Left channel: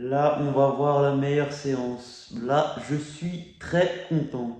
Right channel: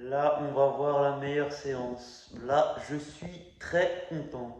Là, on va voir la meilleure séance. Là, je suis très content.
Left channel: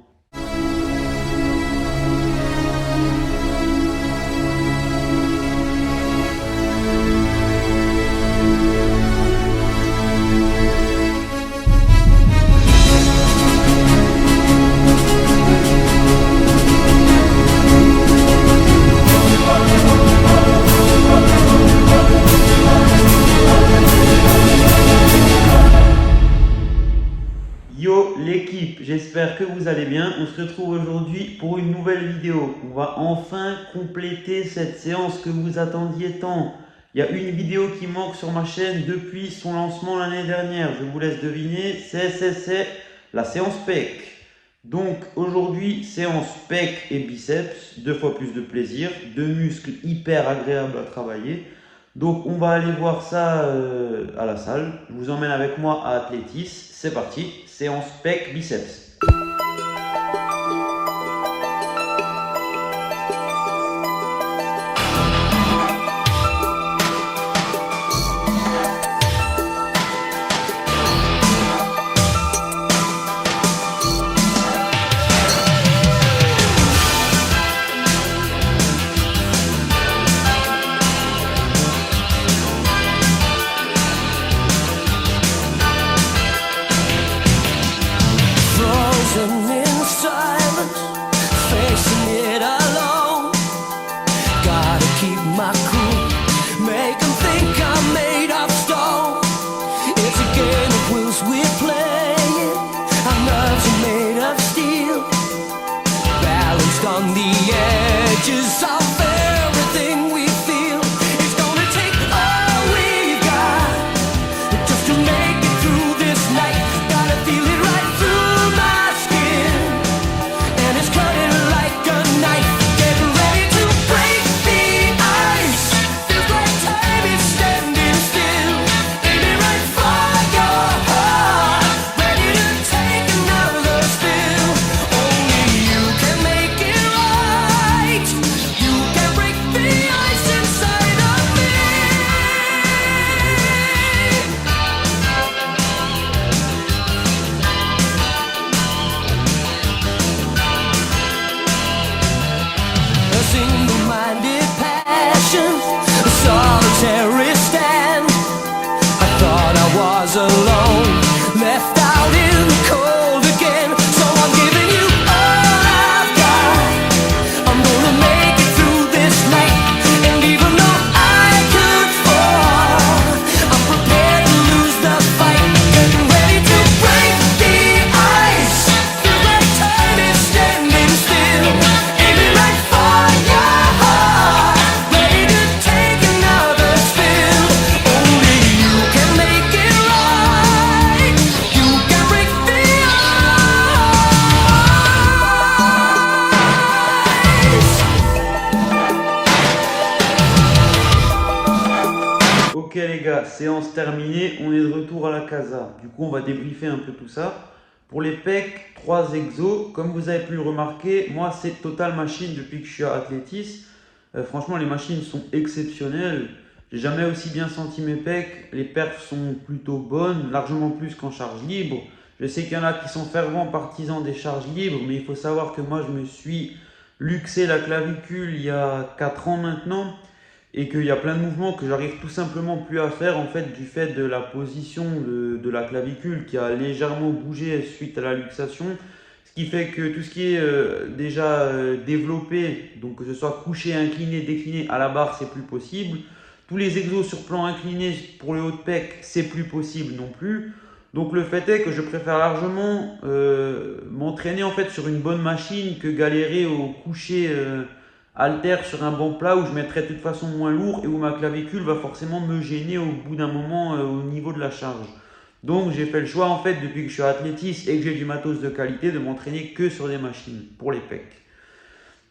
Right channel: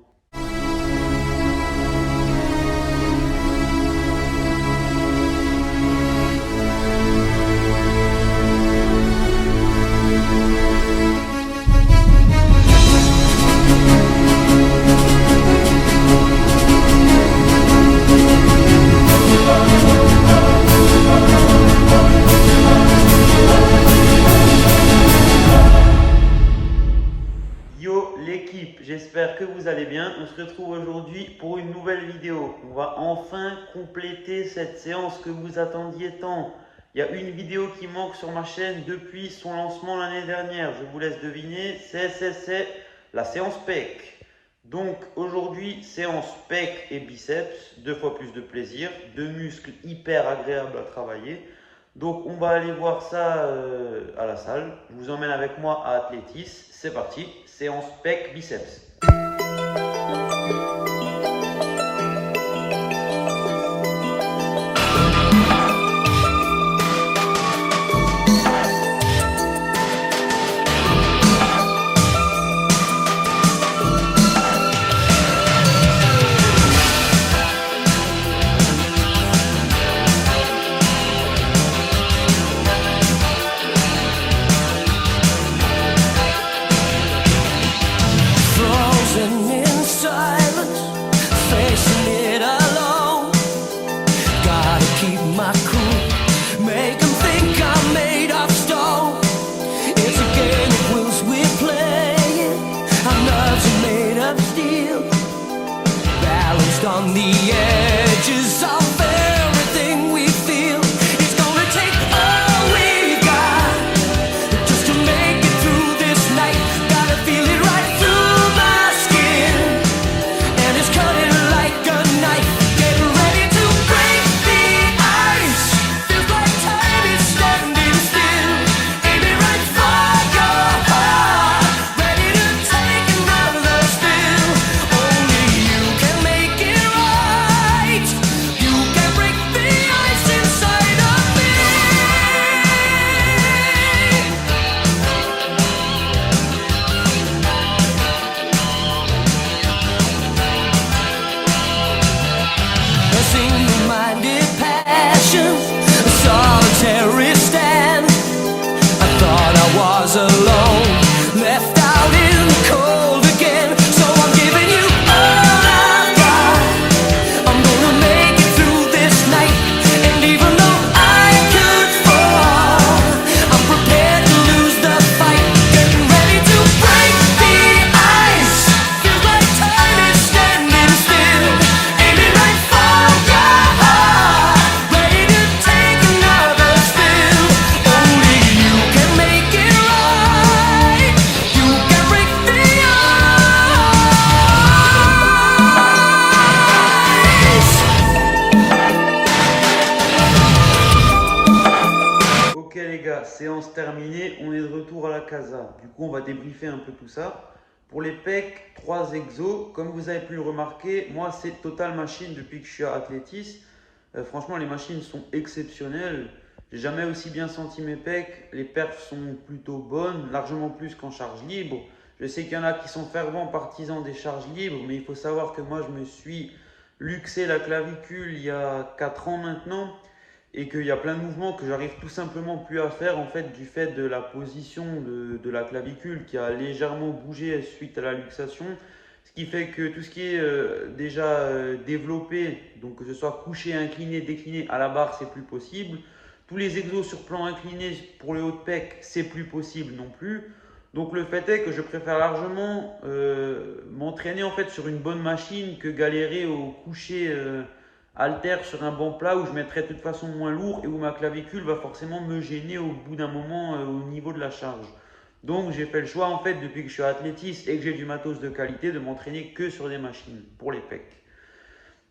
Yo l'équipe, j'espère que vous allez bien. On se retrouve aujourd'hui pour une nouvelle vidéo. On va enfin compléter cette séance que vous attendiez tant. Il y a une vidéo qui manque sur ma chaîne depuis son lancement l'année dernière. Je vous laisse deviner, c'est la séance pec. Donc aujourd'hui, séance pec et biceps, 2 fois plus de plaisir, 2 muscles hyper agréables à travailler. Donc on va aller voir ça à la salle. Je vous emmène avec moi à Athlétis. C'est parti, séance pec biceps. Keep my cool, make them think I'm made of stone. It's a game of wills we're playing. Our nerves are made of steel, balanced on the edges of everything we feel. It's gonna take all we got just to make it through this night. Gotta feel it right through my skin, and it's cutting like a knife. Getting ready to break the ice. Feels like time is standing still. Baby, right for your heart. Ready to take another spill. Only you can make it right. You can break the ice inside of me. A single-minded passion, a solitary stand. I thought I was alone, left out in the cold again. So I'm giving you all I've got. I'm gonna make it through this night, and even though I could fall, I'm prepared to lose the fight. Getting ready to break the ice. Feels like time is standing still. Aiming right for your heart. Ready to take another spill. Only you can make it right. You can break the ice. Ok les gars, séance terminée, on est de retour à la casa. Du coup on va débriefer un peu tout ça. Pour les pecs, 3 exos. Comme vous avez pu le remarquer, moi c'est Total Machine depuis que je suis à Athlétis. Franchement les machines sont exceptionnelles. J'ai jamais aussi bien senti mes pecs. Les perfs sont plutôt bonnes, largement plus qu'en charge libre. Je sais qu'il y en a qui sont fervents partisans des charges libres, mais il faut savoir que moi je me suis luxé la clavicule il y a 4 ans maintenant. Et qu'il y a plein de mouvements que j'arrive tout simplement plus à faire en fait du fait de la position de la clavicule qui a légèrement bougé suite à la luxation. Ce qui fait que tout ce qui est déjà développé, donc que ce soit couché, incliné, décliné à la barre, c'est plus possible. Tous les exos sur plan incliné pour le haut de pec, c'est plus possible non plus. Donc le fait est que je préfère largement m'entraîner en fait sur une bonne machine que galérer au coucher halter sur un banc plat où je mettrai de toute façon moins lourd et où ma clavicule va forcément me gêner au bout d'un moment au niveau de la charge. Donc j'ai fait le choix en fait depuis que je suis à Athlétis et que j'ai du matos de qualité de m'entraîner que sur des machines pour les pecs.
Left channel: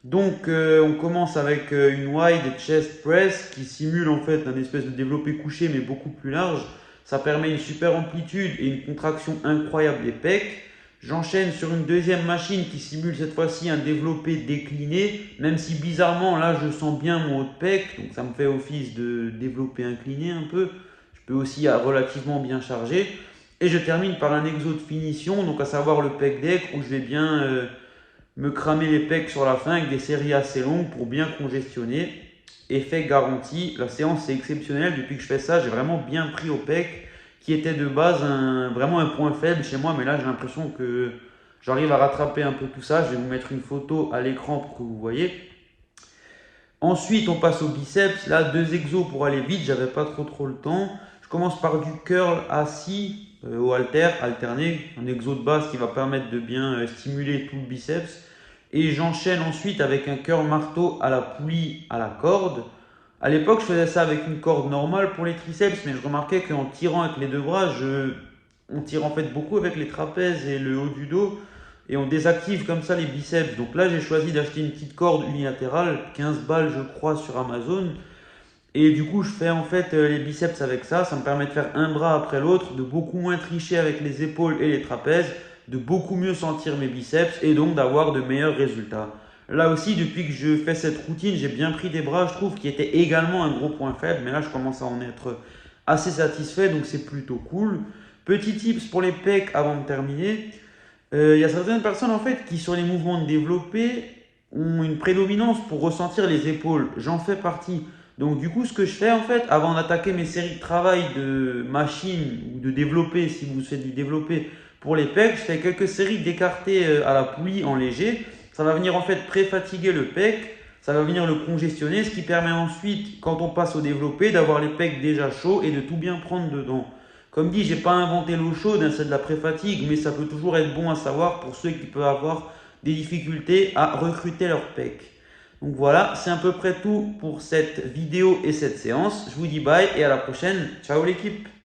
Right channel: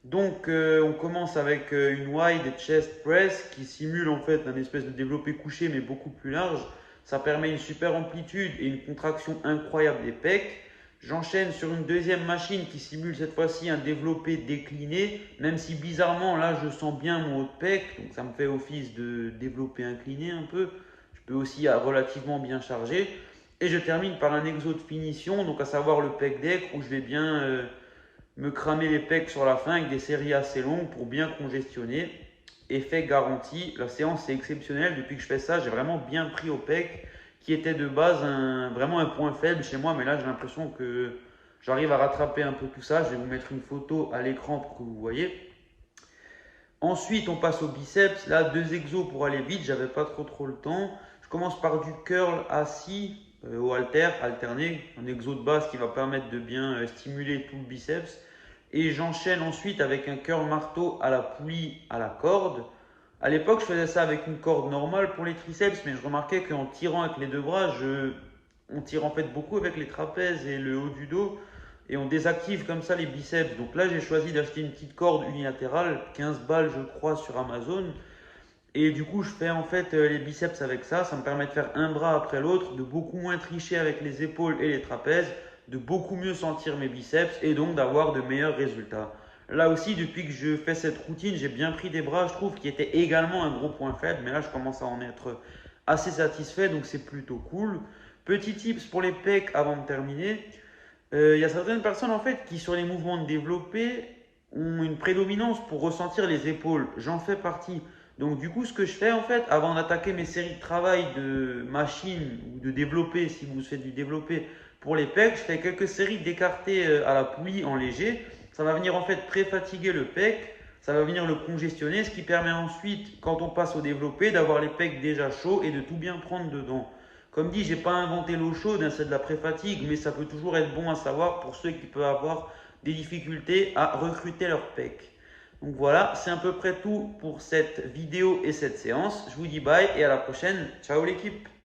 Donc on commence avec une wide chest press qui simule en fait un espèce de développé couché mais beaucoup plus large. Ça permet une super amplitude et une contraction incroyable des pecs. J'enchaîne sur une deuxième machine qui simule cette fois-ci un développé décliné, même si bizarrement là je sens bien mon haut de pec, donc ça me fait office de développé incliné un peu. Je peux aussi relativement bien charger. Et je termine par un exo de finition, donc à savoir le pec deck, où je vais bien me cramer les pecs sur la fin avec des séries assez longues pour bien congestionner. Effet garanti, la séance est exceptionnelle. Depuis que je fais ça, j'ai vraiment bien pris au pec, qui était de base vraiment un point faible chez moi, mais là j'ai l'impression que j'arrive à rattraper un peu tout ça. Je vais vous mettre une photo à l'écran pour que vous voyez. Ensuite, on passe au biceps. Là, 2 exos pour aller vite, j'avais pas trop le temps. Je commence par du curl assis au halter, alterné, un exo de base qui va permettre de bien stimuler tout le biceps. Et j'enchaîne ensuite avec un curl marteau à la poulie à la corde. À l'époque, je faisais ça avec une corde normale pour les triceps, mais je remarquais qu'en tirant avec les deux bras, on tire en fait beaucoup avec les trapèzes et le haut du dos, et on désactive comme ça les biceps. Donc là, j'ai choisi d'acheter une petite corde unilatérale, 15 balles je crois sur Amazon. Et du coup, je fais en fait les biceps avec ça. Ça me permet de faire un bras après l'autre, de beaucoup moins tricher avec les épaules et les trapèzes, de beaucoup mieux sentir mes biceps et donc d'avoir de meilleurs résultats. Là aussi, depuis que je fais cette routine, j'ai bien pris des bras, je trouve, qui étaient également un gros point faible. Mais là, je commence à en être assez satisfait, donc c'est plutôt cool. Petit tips pour les pecs avant de terminer. Il y a certaines personnes en fait qui sur les mouvements de développé ont une prédominance pour ressentir les épaules. J'en fais partie. Donc du coup, ce que je fais en fait, avant d'attaquer mes séries de travail de machine ou de développé, si vous faites du développé pour les pecs, je fais quelques séries d'écartés à la poulie en léger. Ça va venir en fait pré-fatiguer le pec, ça va venir le congestionner, ce qui permet ensuite, quand on passe au développé, d'avoir les pecs déjà chauds et de tout bien prendre dedans. Comme dit, je n'ai pas inventé l'eau chaude, c'est de la pré-fatigue, mais ça peut toujours être bon à savoir pour ceux qui peuvent avoir des difficultés à recruter leur pec. Donc voilà, c'est à peu près tout pour cette vidéo et cette séance. Je vous dis bye et à la prochaine. Ciao l'équipe!